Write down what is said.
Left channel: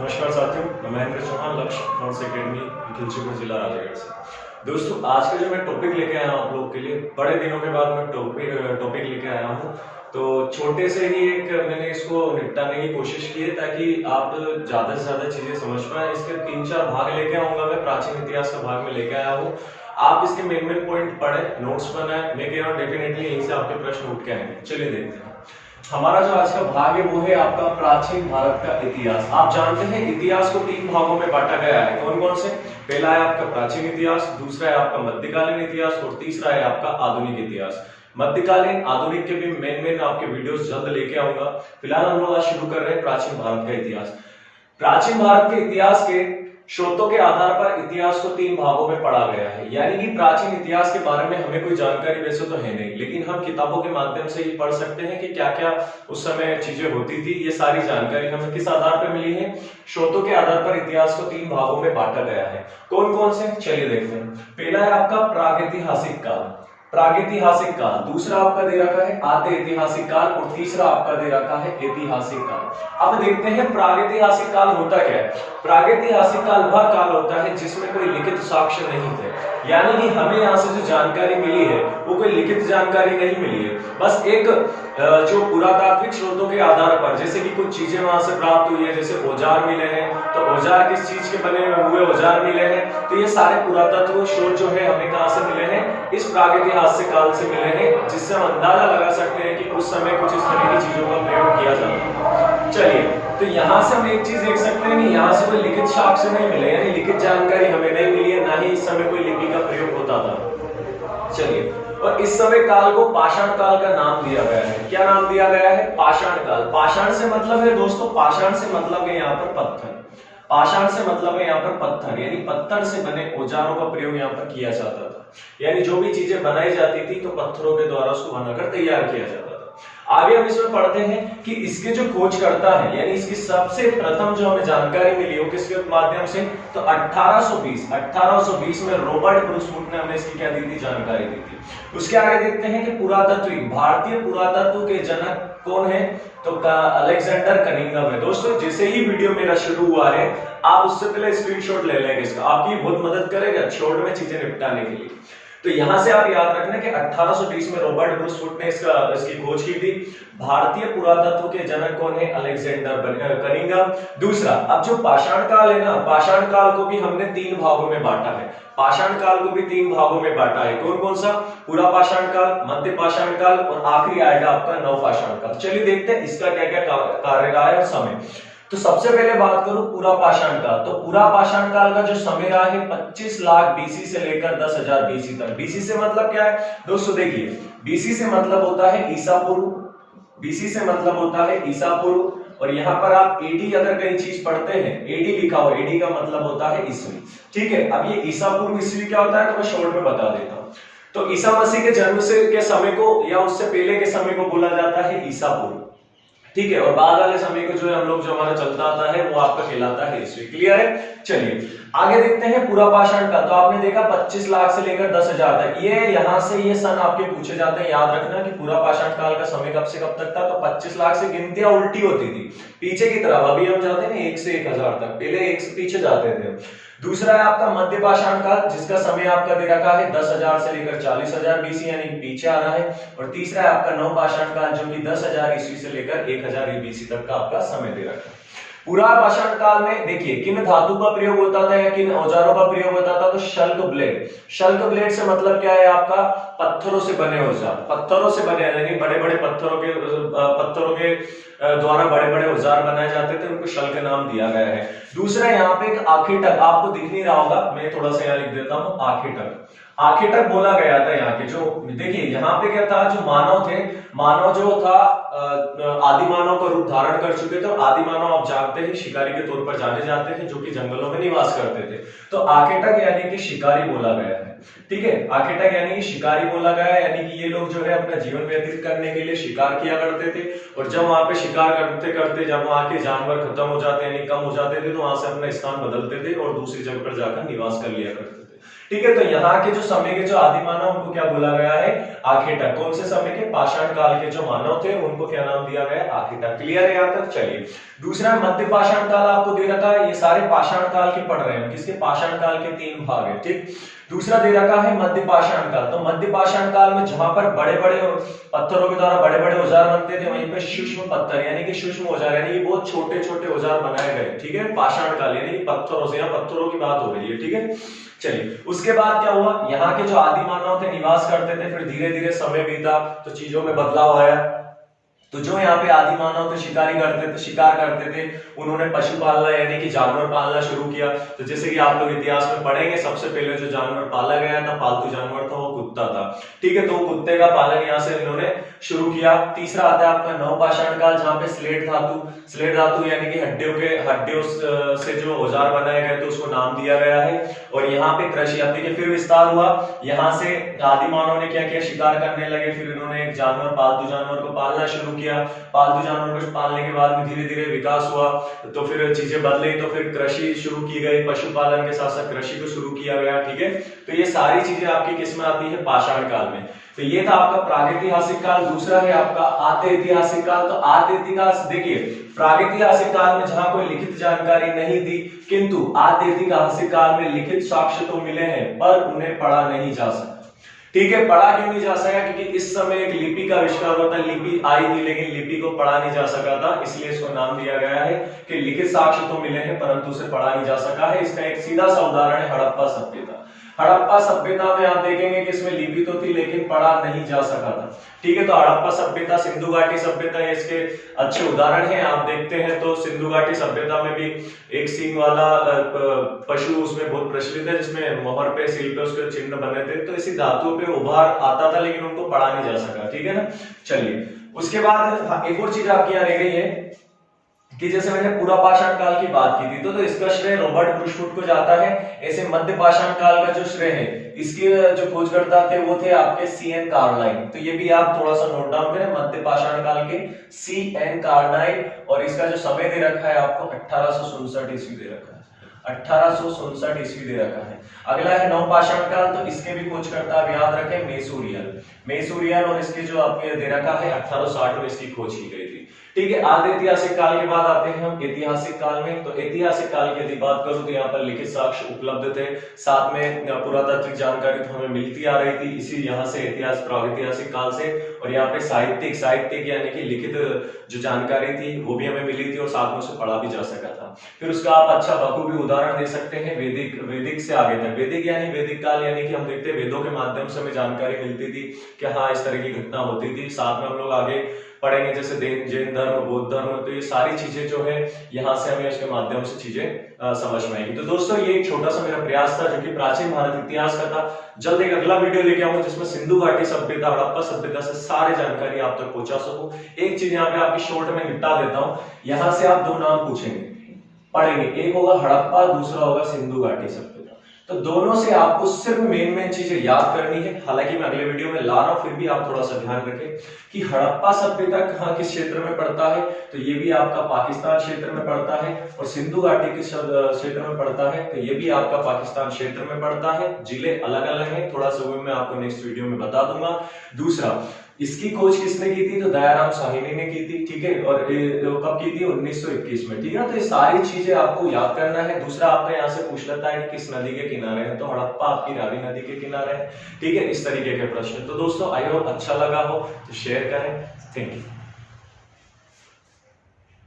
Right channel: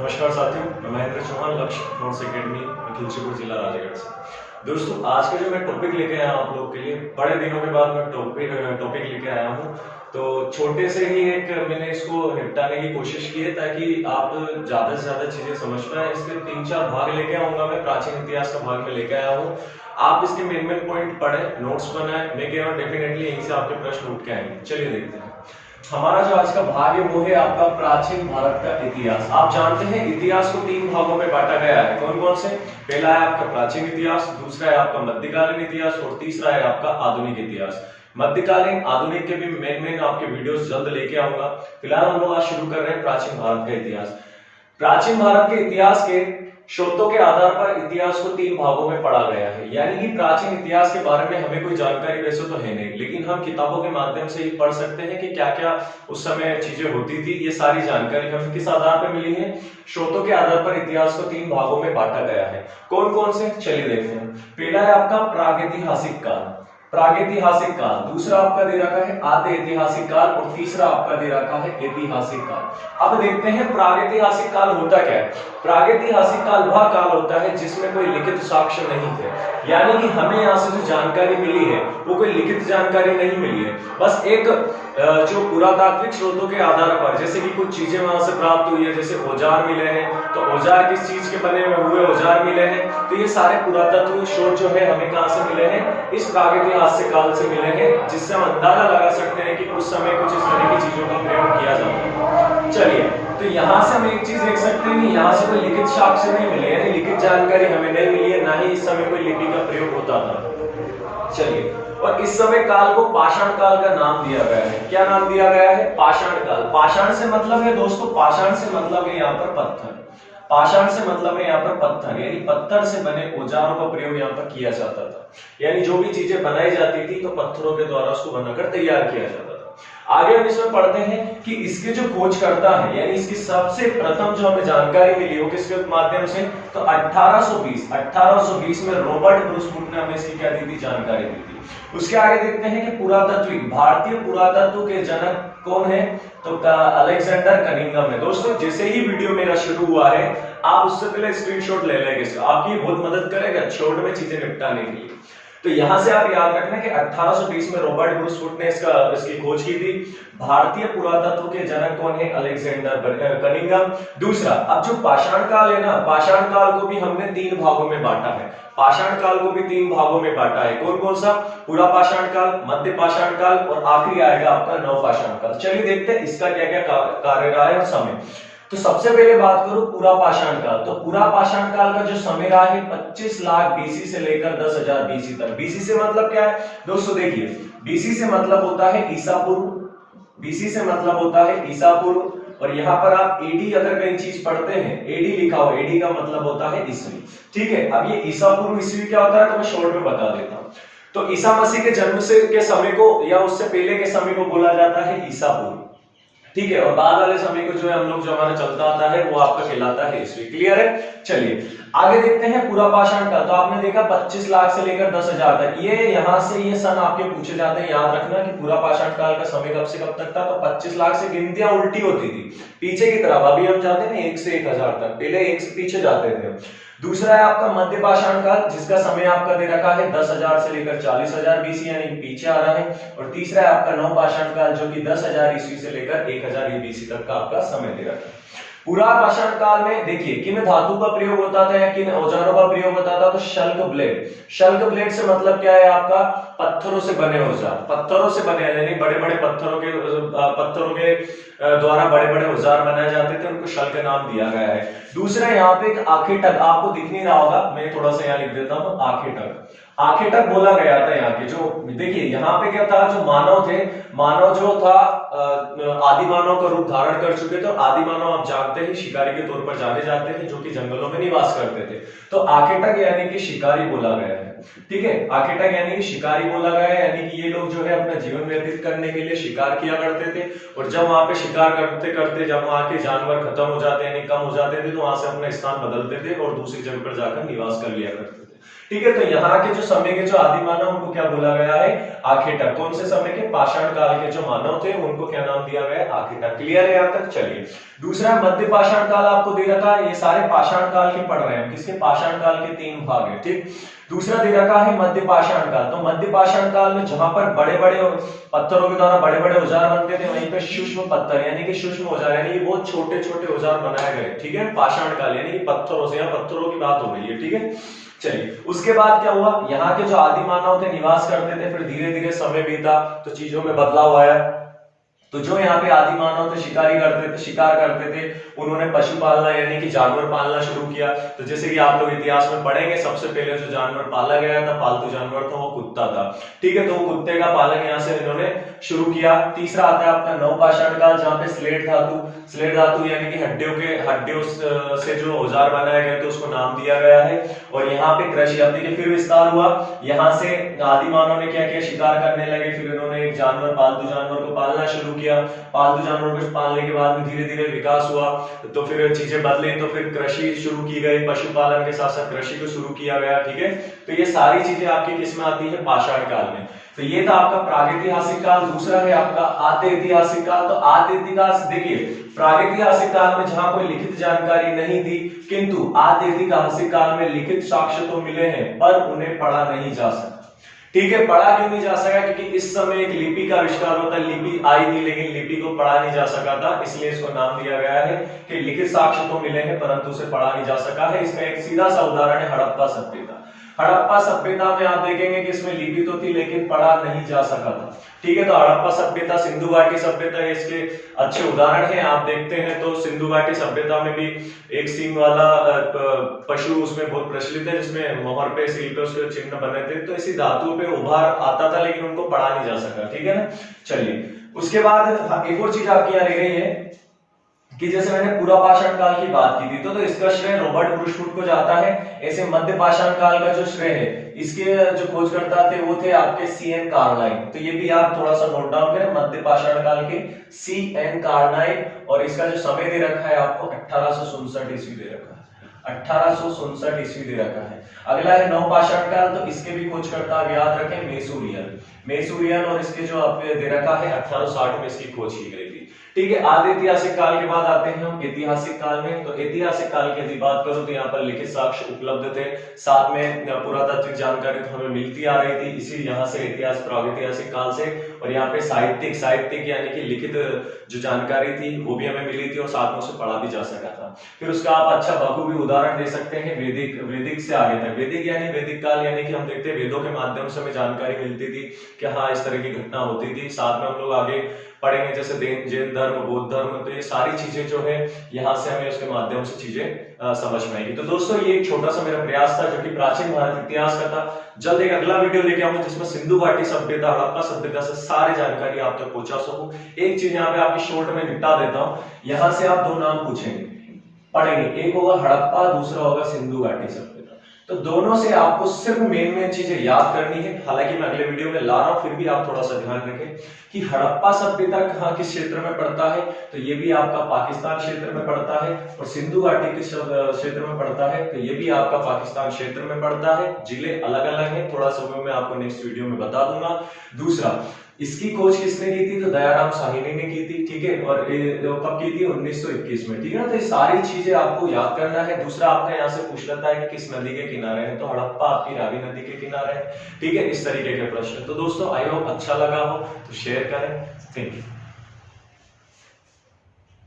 नमस्कार साथियों, मैं महेंद्र चौहान, लक्ष्य नोट्स एकेडमी, खिलचीपुर जिला राजगढ़ से। दोस्तों, आज का जो मैं टॉपिक लेके आया हूँ आप लोग के लिए, बड़े दिनों के बाद मैं टॉपिक लेके आया हूँ। तो छोटे से ही एक मैंने इसको निपटाने की कोशिश की है ताकि आप ज्यादा से ज्यादा चीजें समझ पाए। इसके 3-4 भाग लेके आऊंगा मैं, प्राचीन इतिहास का भाग में लेके आया हूँ। आप इसके मेन पॉइंट पढ़े, नोट्स बनाए, मैं कह रहा हूँ डेफिनेटली यहीं से आपके प्रश्न उठ के आएंगे। चलिए देखते हैं। हमारा जो आज का भाग है वो है आपका प्राचीन भारत का इतिहास। आप जानते हैं इतिहास को 3 भागों में बांटा गया है। कौन कौन से? पहला है आपका प्राचीन इतिहास, दूसरा है आपका मध्यकालीन इतिहास और तीसरा है आपका आधुनिक इतिहास। मध्यकालीन आधुनिक के भी मेन आपके वीडियोस जल्द लेके आऊंगा। फिलहाल हम लोग आज शुरू कर रहे हैं प्राचीन भारत का इतिहास। प्राचीन भारत के इतिहास के स्रोतों के आधार पर इतिहास को 3 भागों में पढ़ा गया है। यानी कि प्राचीन इतिहास के बारे में हमें कोई जानकारी वैसे तो है नहीं, लेकिन हम किताबों के माध्यम से ये पढ़ सकते हैं कि क्या क्या उस समय चीजें होती थी। ये सारी जानकारी हमें किस आधार पर मिली है? स्रोतों के आधार पर इतिहास को 3 भागों में बांटा गया है। कौन कौन से? चलिए देखते हैं। पहला है आपका प्रागैतिहासिक काल, प्रागैतिहासिक काल। दूसरा आपका दे रखा है आद्य ऐतिहासिक काल और तीसरा आपका दे रखा है ऐतिहासिक काल। अब देखते हैं प्रागैतिहासिक काल होता क्या है। प्रागैतिहासिक काल वह काल होता है जिसमें कोई लिखित साक्ष्य नहीं थे। यानी कि हमें यहाँ से जो जानकारी मिली है वो कोई लिखित जानकारी नहीं मिली है, बस एक जो पुरातात्विक स्रोतों के आधार पर, जैसे कि कुछ चीजें वहां से प्राप्त हुई है, जैसे औजार मिले हैं, तो औजार किस चीज के बने हुए औजार मिले हैं, तो ये सारे पुरातत्व स्रोत जो है हमें कहां से मिले हैं? इस प्रागैतिहासिक काल से मिले हैं, जिससे हम अंदाजा लगा सकते हैं कि उस समय कुछ इस तरह की चीजों का प्रयोग किया जाता है। चलिए, तो यहाँ से हम एक चीज देख सकते हैं कि यहाँ से कोई लिखित साक्ष्य नहीं मिले, यानी लिखित जानकारी हमें नहीं मिली है, ना ही इस समय कोई लिपि का प्रयोग होता था। चलिए, और इस समय काल को पाषाण काल का नाम दिया गया है। क्या नाम दिया गया है? पाषाण काल। पाषाण से मतलब है दोस्तों, पाषाण से मतलब है यहाँ पर पत्थर। पाषाण से मतलब है यहाँ पर पत्थर, यानी पत्थर से बने औजारों का प्रयोग यहाँ पर किया जाता था। यानी जो भी चीजें बनाई जाती थी तो पत्थरों के द्वारा उसको बनाकर तैयार किया जाता था। आगे हम इसमें पढ़ते हैं कि इसके जो खोज करता है, यानी इसकी सबसे प्रथम जो हमें जानकारी मिली हो किसके माध्यम से, तो 1820 में रॉबर्ट ब्रूस वुड ने हमें इसकी क्या दी थी? जानकारी दी थी। उसके आगे देखते हैं कि पुरातत्व, भारतीय पुरातत्व के जनक कौन है? तो अलेक्जेंडर कनिंघम है। दोस्तों, जैसे ही वीडियो मेरा शुरू हुआ है आप उससे पहले स्क्रीनशॉट ले लेंगे, इसका आपकी बहुत मदद करेगा शॉर्ट में चीजें निपटाने के लिए। तो यहां से आप याद रखना कि 1820 में रॉबर्ट ब्रूस वुड ने इसकी खोज की थी। भारतीय पुरातत्व के जनक कौन है? Alexander Cunningham. दूसरा, अब जो पाषाण काल है ना, पाषाण काल को भी हमने 3 भागों में बांटा है। पाषाण काल को भी 3 भागों में बांटा है। कौन कौन सा? पूरा पाषाण काल, मध्य पाषाण काल और आखिरी आएगा आपका नव पाषाण काल। चलिए देखते हैं इसका क्या क्या कार्यकाल है और समय। तो सबसे पहले बात करूं पूरा पाषाण काल, तो पूरा पाषाण काल का जो समय रहा है 25 लाख बीसी से लेकर 10,000 बीसी तक। बीसी से मतलब क्या है दोस्तों? देखिए, बीसी से मतलब होता है ईसा पूर्व, बीसी से मतलब होता है ईसा पूर्व, और यहाँ पर आप एडी अगर कहीं चीज पढ़ते हैं, एडी लिखा हो, एडी का मतलब होता है ईस्वी। ठीक है, अब ये ईसा पूर्व ईस्वी क्या होता है तो मैं शॉर्ट में बता देता हूँ। तो ईसा मसीह के जन्म से के समय को या उससे पहले के समय को बोला जाता है ईसा पूर्व। ठीक है, और बाद वाले समय को जो है हम लोग जो हमारा चलता आता है वो आपका कहलाता है ईस्वी। क्लियर है? चलिए आगे देखते हैं पूरा पाषाण काल। तो आपने देखा 25 लाख से लेकर 10,000 तक, ये यहाँ से ये सन आपके पूछे जाते हैं। याद रखना कि पूरा पाषाण काल का समय कब से कब तक था, तो 25 लाख से गिनतियां उल्टी होती थी पीछे की तरफ। अभी हम जाते हैं 1 से 1000 तक, पहले 1 से पीछे जाते थे। दूसरा है आपका मध्य पाषाण काल, जिसका समय आपका दे रखा है 10,000 से लेकर 40,000 बीसी, यानी पीछे आ रहा है। और तीसरा है आपका नव पाषाण काल, जो कि 10,000 ईस्वी से लेकर 1000 बीसी तक का आपका समय दे रखा है। पूरा पाषाण काल में देखिए किन धातु का प्रयोग होता था या किन औजारों का प्रयोग होता था, तो शल्क ब्लेड। शल्क ब्लेड से मतलब क्या है आपका? पत्थरों से बने औजार, पत्थरों से बने, यानी बड़े बड़े पत्थरों के द्वारा बड़े बड़े औजार बनाए जाते थे, उनको शल्क नाम दिया गया है। दूसरा यहाँ पे एक आखेटक, आपको दिख नहीं रहा होगा, मैं थोड़ा सा यहाँ लिख देता हूँ, आखेटक। आखेटक बोला गया था यहाँ के, जो देखिए यहाँ पे क्या था, जो मानव थे, मानव जो था आदि मानव का रूप धारण कर चुके थे। और आदि मानव आप जानते हैं शिकारी के तौर पर जाने जाते थे, जो कि जंगलों में निवास करते थे। तो आखेटक यानी कि शिकारी बोला गया है। ठीक है, आखेटक यानी कि शिकारी बोला गया है, यानी कि ये लोग जो है अपना जीवन व्यतीत करने के लिए शिकार किया करते थे। और जब वहां पे शिकार करते करते जब वहां के जानवर खत्म हो जाते यानी कम हो जाते थे, तो वहां से अपना स्थान बदलते थे और दूसरी जगह पर जाकर निवास कर लिया करते थे। ठीक है, तो यहाँ के जो समय के जो आदि मानव उनको क्या बोला गया है, आखेटक। कौन से समय के, पाषाण काल के जो मानव थे उनको क्या नाम दिया गया है, आखेटक। क्लियर है यहाँ तक? चलिए दूसरा मध्य पाषाण काल आपको दे रखा है, ये सारे पाषाण काल के पढ़ रहे हैं, किसके, पाषाण काल के 3 भाग है। ठीक, दूसरा दे रखा है मध्य पाषाण काल। तो मध्य पाषाण काल में जहां पर बड़े बड़े पत्थरों के द्वारा बड़े बड़े औजार बनते थे, वहीं पे सूक्ष्म पत्थर यानी कि सूक्ष्म औजार यानी कि बहुत छोटे छोटे औजार बनाए गए। ठीक है, पाषाण काल यानी कि पत्थरों से, यहाँ पत्थरों की बात हो रही है। ठीक है, चलिए उसके बाद क्या हुआ, यहाँ के जो आदि मानव थे निवास करते थे, फिर धीरे धीरे समय बीता तो चीजों में बदलाव आया। तो जो यहाँ पे आदि मानव थे शिकारी करते थे, शिकार करते थे, उन्होंने पशु पालना यानी कि जानवर पालना शुरू किया। तो जैसे कि आप लोग इतिहास में पढ़ेंगे, सबसे पहले जो जानवर पाला गया था, पालतू जानवर था, वो कुत्ता था। ठीक है, तो कुत्ते का पालन यहाँ से इन्होंने शुरू किया। तीसरा आता है आपका नवपाषाण काल, जहाँ पे स्लेट धातु यानी कि हड्डियों से जो औजार बनाए गए थे उसको नाम दिया गया है। और यहाँ पे कृषि, अब देखिए फिर विस्तार हुआ, यहाँ से आदि मानव ने क्या किया, शिकार करने लगे, फिर इन्होंने एक जानवर, पालतू जानवर को पालना शुरू किया। पालतू जानवर को पालने के बाद में धीरे धीरे विकास हुआ, तो फिर चीजें बदली, तो फिर कृषि शुरू की गई, पशुपालन के साथ साथ कृषि को शुरू किया गया। ठीक है, तो ये सारी चीजें आपकी किसमें आती है, पाषाण काल में। तो ये था आपका प्रागैतिहासिक काल। दूसरा है आपका आद्य ऐतिहासिक काल। तो आद्य ऐतिहासिक, देखिए प्रागैतिहासिक काल में जहां कोई लिखित जानकारी नहीं थी, किंतु आद्य ऐतिहासिक काल में लिखित साक्ष्य तो मिले हैं, पर उन्हें पढ़ा नहीं जा सका। ठीक है, पढ़ा क्यों नहीं जा सका, क्योंकि इस समय एक लिपि का आविष्कार होता है, लिपि आई थी लेकिन लिपि को पढ़ा नहीं जा सका था, इसलिए इसको नाम दिया गया है कि लिखित साक्ष्य तो मिले हैं परंतु उसे पढ़ा नहीं जा सका है। इसका एक सीधा सा उदाहरण है हड़प्पा सभ्यता। हड़प्पा सभ्यता में आप देखेंगे कि इसमें लिपि तो थी लेकिन पढ़ा नहीं जा सका था। ठीक है, तो हड़प्पा सभ्यता, सिंधु घाटी सभ्यता इसके अच्छे उदाहरण हैं। आप देखते हैं तो सिंधु घाटी सभ्यता में भी एक सींग वाला पशु उसमें बहुत प्रचलित है, जिसमें मोहर पे, सील पे उसके चिन्ह बने थे। तो इसी धातुओं पे उभार आता था लेकिन उनको पढ़ा नहीं जा सका। ठीक है ना, चलिए उसके बाद एक और चीज आपकी यहाँ रह गई है कि जैसे मैंने पूरा पाषाण काल की बात की थी, तो इसका श्रेय रॉबर्ट ब्रुशवुड को जाता है। ऐसे मध्य पाषाण काल का जो श्रेय है, इसके जो खोजकर्ता थे वो थे आपके C.N. कार्लाइल। तो ये भी आप थोड़ा सा नोट डाउन करें, मध्य पाषाण काल के C.N. कार्लाइल। और इसका जो समय दे रखा है आपको 1867 ईस्वी दे रखा है, 1867 ईस्वी दे रखा है। अगला है नवपाषाण काल। तो इसके भी खोजकर्ता आप याद रखें, मेसुरियन, और इसके जो आपके दे रखा है 1860 में इसकी खोज की गई थी। ठीक है, आद्य ऐतिहासिक काल के बाद आते हैं हम ऐतिहासिक काल में। तो ऐतिहासिक काल की यदि बात करूं तो यहाँ पर लिखित साक्ष्य उपलब्ध थे, साथ में पुरातात्विक जानकारी तो हमें मिलती आ रही थी इसी यहाँ से, इतिहास प्रागैतिहासिक काल से। और यहाँ पे साहित्यिक यानी कि लिखित जो जानकारी थी वो भी हमें मिली थी और साथ में उसे पढ़ा भी जा सका था। फिर उसका आप अच्छा बखूबी उदाहरण दे सकते हैं वैदिक से आगे तक। वैदिक यानी वैदिक काल यानी कि हम देखते हैं वेदों के माध्यम से हमें जानकारी मिलती थी कि हाँ इस तरह की घटना होती थी। साथ में हम लोग आगे पढ़ेंगे जैसे जैन धर्म, बौद्ध धर्म, तो ये सारी चीजें जो है यहाँ से हमें उसके माध्यम से चीजें समझ में आएगी। तो दोस्तों ये एक छोटा सा मेरा प्रयास था जो कि प्राचीन भारत इतिहास का था। जल्द एक अगला वीडियो लेके आऊंगा जिसमें सिंधु घाटी सभ्यता, हड़प्पा सभ्यता से सारी जानकारी आप तक पहुंचा सकूं। एक चीज यहाँ पे आपकी शॉर्ट में निपटा देता हूँ, यहाँ से आप 2 नाम पूछेंगे, पढ़ेंगे, एक होगा हड़प्पा, दूसरा होगा सिंधु घाटी सभ्यता। तो दोनों से आपको सिर्फ मेन चीजें याद करनी है। हालांकि मैं अगले वीडियो में ला रहा हूं, फिर भी आप थोड़ा सा ध्यान रखें कि हड़प्पा सभ्यता कहाँ किस क्षेत्र में पड़ता है। तो ये भी आपका पाकिस्तान क्षेत्र में पड़ता है, और सिंधु घाटी किस क्षेत्र में पड़ता है, तो ये भी आपका पाकिस्तान क्षेत्र में पड़ता है। जिले अलग अलग हैं, थोड़ा सा वो मैं आपको नेक्स्ट वीडियो में बता दूंगा। दूसरा, इसकी खोज किसने की थी, तो दयाराम साहनी ने की थी। ठीक है, और कब की थी, 1921 में। ठीक है, तो ये सारी चीजें आपको याद करना है। दूसरा आपका यहाँ से पूछ लेता है कि किस नदी के किनारे है, तो हड़प्पा आपकी रावी नदी के किनारे है। ठीक है, इस तरीके के प्रश्न। तो दोस्तों आई होप अच्छा लगा हो तो शेयर करें। Thank you.